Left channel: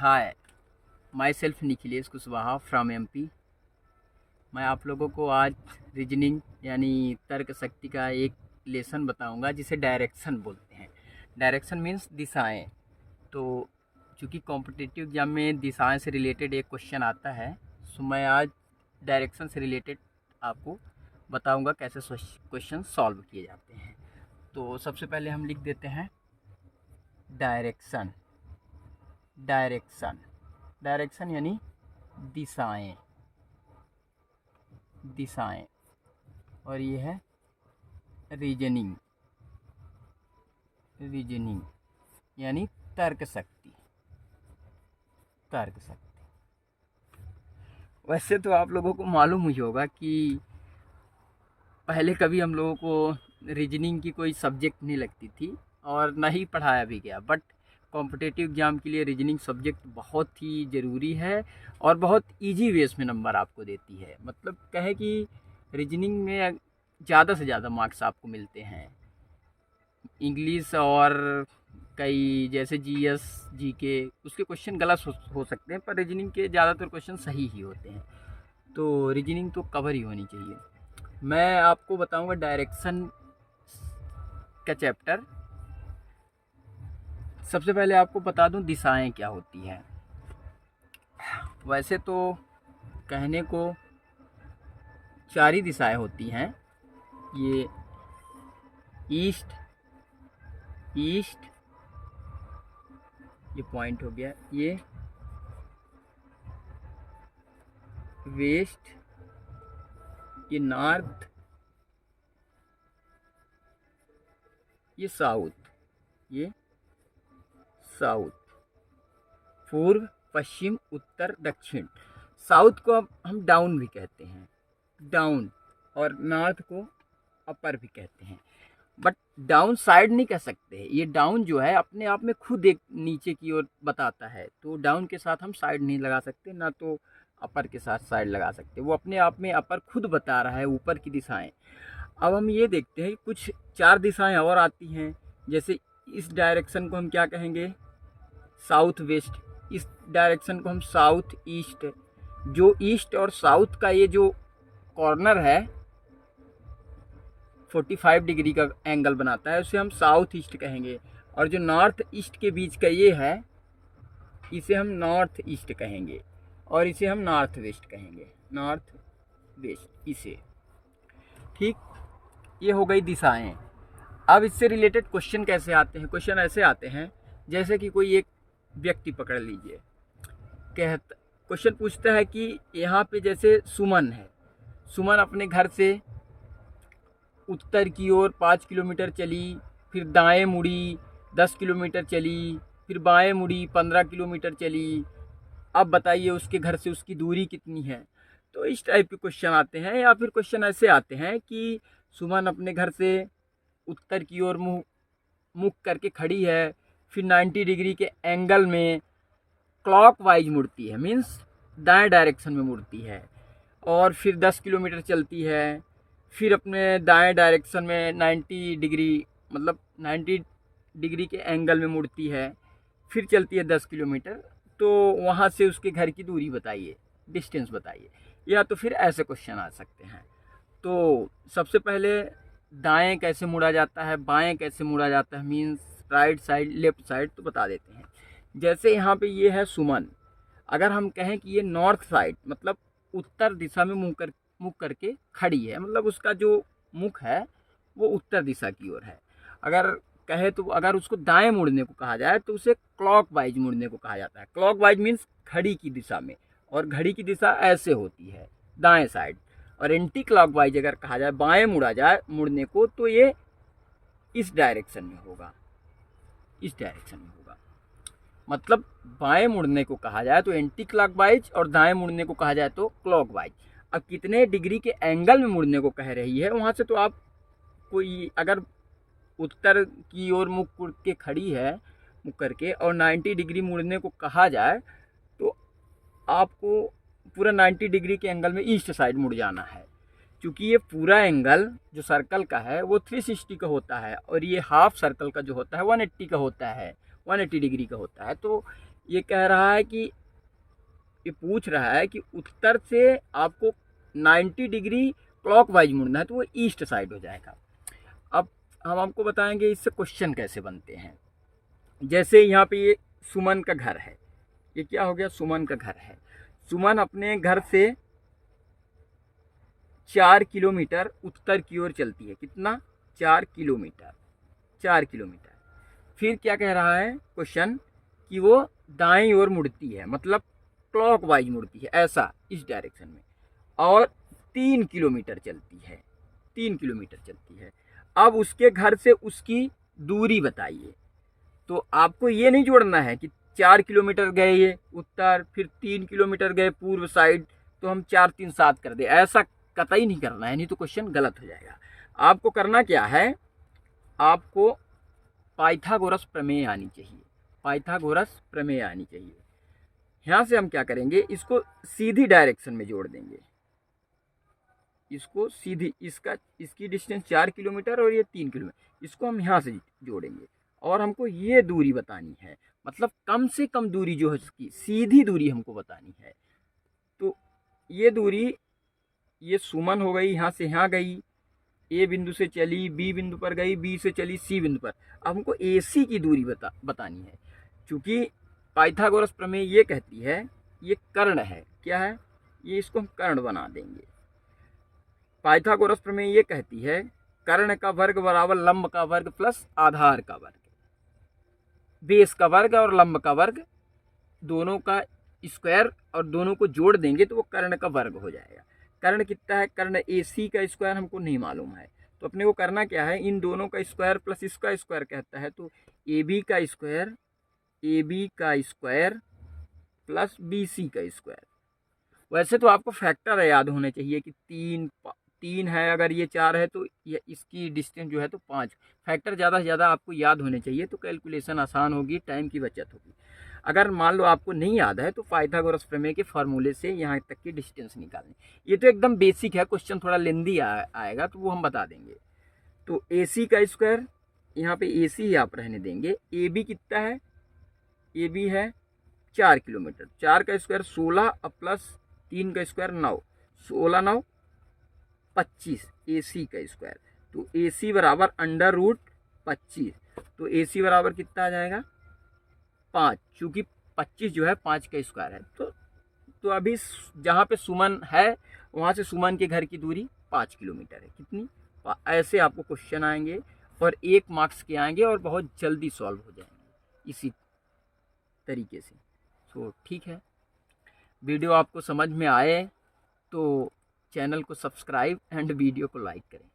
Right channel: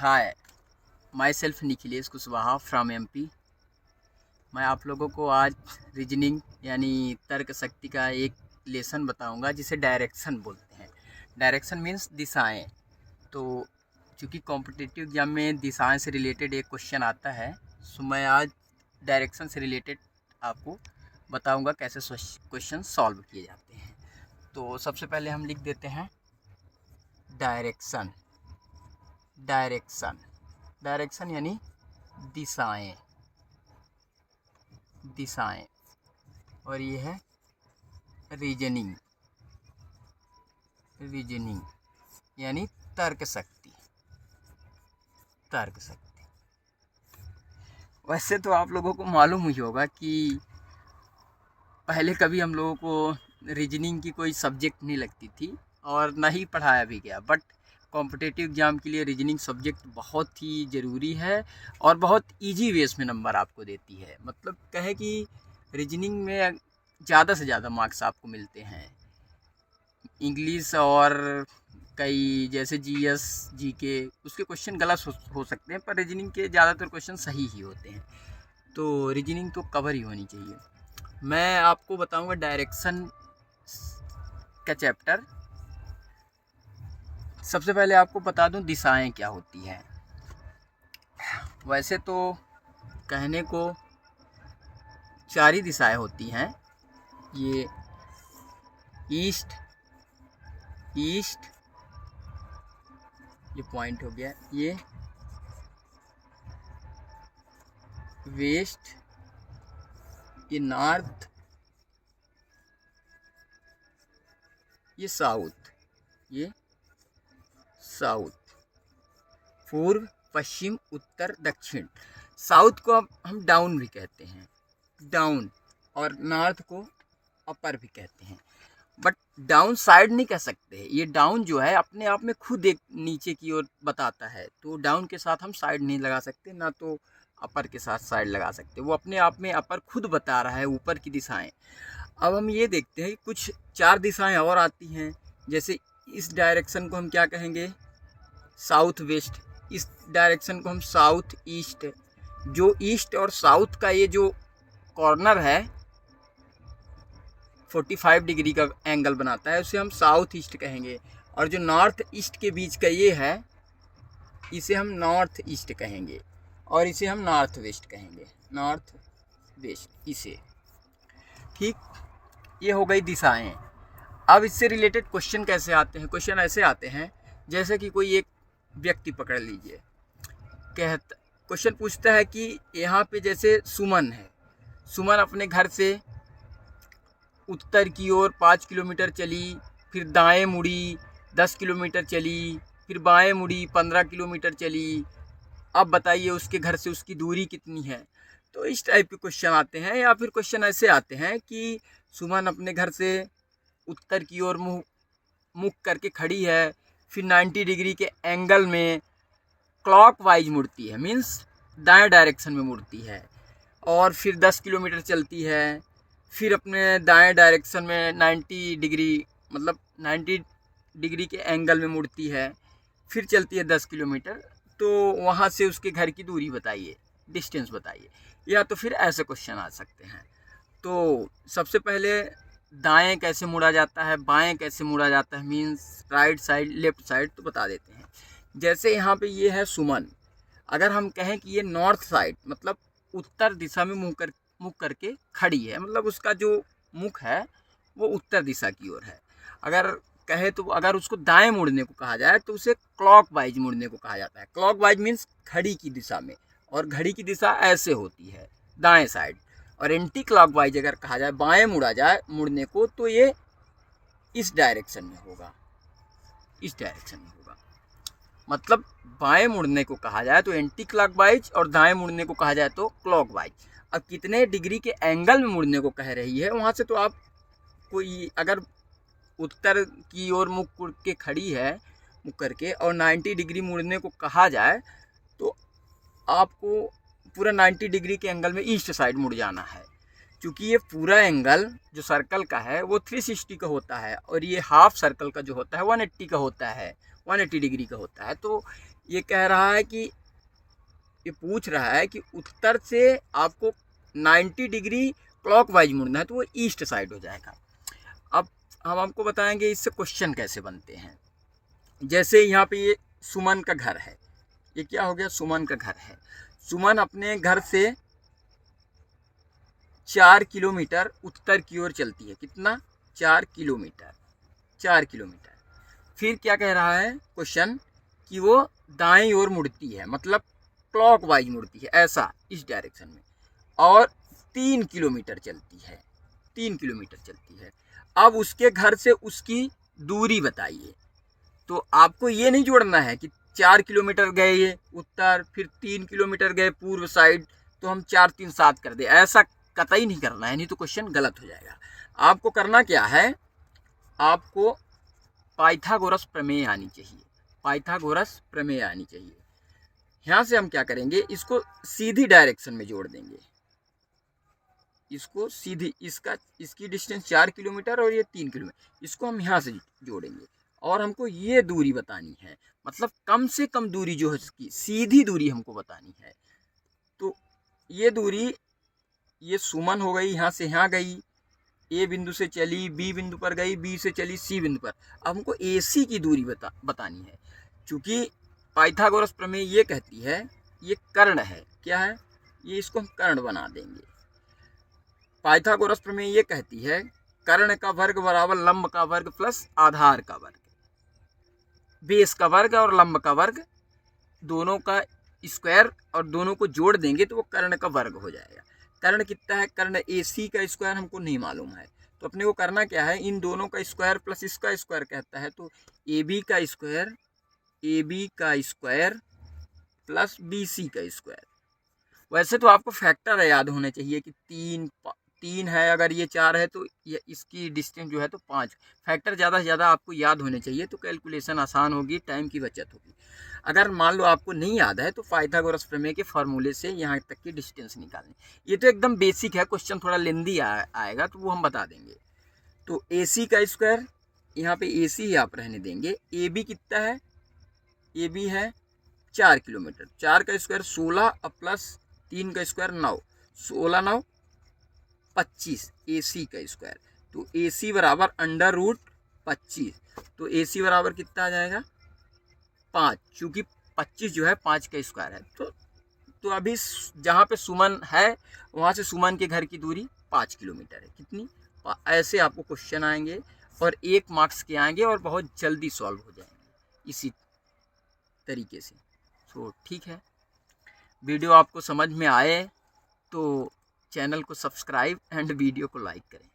Hi, my self Nikhilesh Kushwaha from MP. मैं आप लोगों को आज रीजनिंग यानी तर्क शक्ति का एक लेसन बताऊंगा जिसे डायरेक्शन बोलते हैं। डायरेक्शन मीन्स दिशाएं। तो चूँकि कॉम्पिटिटिव एग्जाम में दिशाएं से रिलेटेड एक क्वेश्चन आता है, सो मैं आज डायरेक्शन से रिलेटेड आपको बताऊंगा कैसे क्वेश्चन सॉल्व किए जाते हैं। तो सबसे पहले हम लिख देते हैं डायरेक्शन। डायरेक्शन डायरेक्शन यानी दिशाएं। दिशाएं और ये है रीजनिंग। रीजनिंग यानी तर्क शक्ति। तर्क शक्ति। वैसे तो आप लोगों को मालूम ही होगा कि पहले कभी हम लोगों को रीजनिंग की कोई सब्जेक्ट नहीं लगती थी और ना ही पढ़ाया भी गया, बट कॉम्पिटिटिव एग्ज़ाम के लिए रीजनिंग सब्जेक्ट बहुत ही ज़रूरी है और बहुत इजी वेस में नंबर आपको देती है। मतलब कहे कि रीजनिंग में ज़्यादा से ज़्यादा मार्क्स आपको मिलते हैं। इंग्लिश और कई जैसे जीएस जीके उसके क्वेश्चन गलत हो सकते हैं, पर रीजनिंग के ज़्यादातर क्वेश्चन सही ही होते हैं। तो रीजनिंग तो कवर ही होनी चाहिए। मैं आपको बताऊंगा डायरेक्शन का चैप्टर। सबसे पहले आपको बता दूं दिशाएं क्या होती हैं। वैसे तो कहने को 4 ही दिशाएं होती हैं। ये ईस्ट, ईस्ट ये पॉइंट हो गया, ये वेस्ट, ये नॉर्थ, ये साउथ, ये साउथ, पूर्व, पश्चिम, उत्तर, दक्षिण। साउथ को हम डाउन भी कहते हैं, डाउन, और नॉर्थ को अपर भी कहते हैं। बट डाउन साइड नहीं कह सकते। ये डाउन जो है अपने आप में खुद एक नीचे की ओर बताता है, तो डाउन के साथ हम साइड नहीं लगा सकते, ना तो अपर के साथ साइड लगा सकते। वो अपने आप में अपर खुद बता रहा है ऊपर की दिशाएं। अब हम ये देखते हैं कुछ 4 दिशाएं और आती हैं। जैसे इस डायरेक्शन को हम क्या कहेंगे, साउथ वेस्ट। इस डायरेक्शन को हम साउथ ईस्ट। जो ईस्ट और साउथ का ये जो कॉर्नर है 45 डिग्री का एंगल बनाता है, उसे हम साउथ ईस्ट कहेंगे। और जो नॉर्थ ईस्ट के बीच का ये है, इसे हम नॉर्थ ईस्ट कहेंगे, और इसे हम नॉर्थ वेस्ट कहेंगे। नॉर्थ वेस्ट इसे, ठीक। ये हो गई दिशाएं। अब इससे रिलेटेड क्वेश्चन कैसे आते हैं। क्वेश्चन ऐसे आते हैं जैसे कि कोई एक व्यक्ति पकड़ लीजिए, क्वेश्चन पूछता है कि यहाँ पे जैसे सुमन है। सुमन अपने घर से उत्तर की ओर 5 किलोमीटर चली, फिर दाएं मुड़ी 10 किलोमीटर चली, फिर बाएं मुड़ी 15 किलोमीटर चली। अब बताइए उसके घर से उसकी दूरी कितनी है। तो इस टाइप के क्वेश्चन आते हैं। या फिर क्वेश्चन ऐसे आते हैं कि सुमन अपने घर से उत्तर की ओर मुख करके खड़ी है, फिर 90 डिग्री के एंगल में क्लॉकवाइज मुड़ती है, मीन्स दाएं डायरेक्शन में मुड़ती है, और फिर 10 किलोमीटर चलती है, फिर अपने दाएं डायरेक्शन में 90 डिग्री मतलब 90 डिग्री के एंगल में मुड़ती है, फिर चलती है 10 किलोमीटर। तो वहाँ से उसके घर की दूरी बताइए, डिस्टेंस बताइए। या तो फिर ऐसे क्वेश्चन आ सकते हैं। तो सबसे पहले दाएं कैसे मुड़ा जाता है, बाएं कैसे मुड़ा जाता है, means right side left side, तो बता देते हैं। जैसे यहाँ पे ये है सुमन। अगर हम कहें कि ये नॉर्थ साइड मतलब उत्तर दिशा में मुख करके खड़ी है, मतलब उसका जो मुख है वो उत्तर दिशा की ओर है। अगर कहे तो अगर उसको दाएं मुड़ने को कहा जाए तो उसे क्लॉकवाइज मुड़ने को कहा जाता है। क्लॉकवाइज मीन्स घड़ी की दिशा में, और घड़ी की दिशा ऐसे होती है दाएं साइड। और एंटी क्लॉकवाइज अगर कहा जाए, बाएं मुड़ा जाए मुड़ने को, तो ये इस डायरेक्शन में होगा, इस डायरेक्शन में होगा। मतलब बाएं मुड़ने को कहा जाए तो एंटी क्लॉकवाइज, और दाएं मुड़ने को कहा जाए तो क्लॉकवाइज। अब कितने डिग्री के एंगल में मुड़ने को कह रही है, वहाँ से तो आप कोई अगर उत्तर की ओर मुख के खड़ी है मुख करके और 90 डिग्री मुड़ने को कहा जाए, तो आपको पूरा 90 डिग्री के एंगल में ईस्ट साइड मुड़ जाना है। क्योंकि ये पूरा एंगल जो सर्कल का है वो 360 का होता है, और ये हाफ सर्कल का जो होता है 180 का होता है, 180 डिग्री का होता है। तो ये कह रहा है कि ये पूछ रहा है कि उत्तर से आपको 90 डिग्री क्लॉकवाइज मुड़ना है, तो वो ईस्ट साइड हो जाएगा। अब हम आपको बताएंगे इससे क्वेश्चन कैसे बनते हैं। जैसे यहाँ पे ये सुमन का घर है, ये क्या हो गया, सुमन का घर है। सुमन अपने घर से 4 किलोमीटर उत्तर की ओर चलती है। कितना, 4 किलोमीटर, 4 किलोमीटर। फिर क्या कह रहा है क्वेश्चन कि वो दाईं ओर मुड़ती है, मतलब क्लॉकवाइज मुड़ती है, ऐसा इस डायरेक्शन में, और 3 किलोमीटर चलती है, 3 किलोमीटर चलती है। अब उसके घर से उसकी दूरी बताइए। तो आपको ये नहीं जोड़ना है कि 4 किलोमीटर गए ये उत्तर, फिर 3 किलोमीटर गए पूर्व साइड, तो हम 4 3 7 कर दे, ऐसा कतई नहीं करना है, नहीं तो क्वेश्चन गलत हो जाएगा। आपको करना क्या है, आपको पाइथागोरस प्रमेय आनी चाहिए, पाइथागोरस प्रमेय आनी चाहिए। यहाँ से हम क्या करेंगे, इसको सीधी डायरेक्शन में जोड़ देंगे, इसको सीधी, इसकी डिस्टेंस 4 किलोमीटर और ये 3 किलोमीटर, इसको हम यहाँ से जोड़ेंगे और हमको ये दूरी बतानी है, मतलब कम से कम दूरी जो है इसकी सीधी दूरी हमको बतानी है। तो ये दूरी, ये सुमन हो गई, यहाँ से यहाँ गई, ए बिंदु से चली, बी बिंदु पर गई, बी से चली सी बिंदु पर। अब हमको AC की दूरी बतानी है। चूँकि पाइथागोरस प्रमेय ये कहती है, ये कर्ण है, क्या है ये, इसको हम कर्ण बना देंगे। पाइथागोरस प्रमेय ये कहती है कर्ण का वर्ग बराबर लंब का वर्ग प्लस आधार का वर्ग, बेस का वर्ग और लंब का वर्ग दोनों का स्क्वायर, और दोनों को जोड़ देंगे तो वो कर्ण का वर्ग हो जाएगा। कर्ण कितना है, कर्ण AC का स्क्वायर हमको नहीं मालूम है, तो अपने को करना क्या है, इन दोनों का स्क्वायर प्लस इसका स्क्वायर कहता है, तो AB का स्क्वायर, AB का स्क्वायर प्लस BC का स्क्वायर। वैसे तो आपको फैक्टर याद होने चाहिए कि 3 है, अगर ये 4 है तो ये इसकी डिस्टेंस जो है तो 5। फैक्टर ज़्यादा से ज़्यादा आपको याद होने चाहिए, तो कैलकुलेशन आसान होगी, टाइम की बचत होगी। अगर मान लो आपको नहीं याद है तो पाइथागोरस प्रमेय के फार्मूले से यहाँ तक की डिस्टेंस निकालें। ये तो एकदम बेसिक है, क्वेश्चन थोड़ा लेंदी आएगा तो वो हम बता देंगे। तो AC का स्क्वायर, यहाँ पे AC ही आप रहने देंगे। AB कितना है, AB है 4 किलोमीटर, 4 का स्क्वायर 16 और प्लस 3 का स्क्वायर 9, 16 9 25 AC का स्क्वायर। तो AC बराबर √25, तो AC बराबर कितना आ जाएगा 5, चूँकि 25 जो है 5 का स्क्वायर है। तो अभी जहाँ पे सुमन है वहाँ से सुमन के घर की दूरी 5 किलोमीटर है। कितनी, ऐसे आपको क्वेश्चन आएंगे और 1 मार्क्स के आएंगे और बहुत जल्दी सॉल्व हो जाएंगे इसी तरीके से। तो ठीक है, वीडियो आपको समझ में आए तो चैनल को सब्सक्राइब एंड वीडियो को लाइक करें।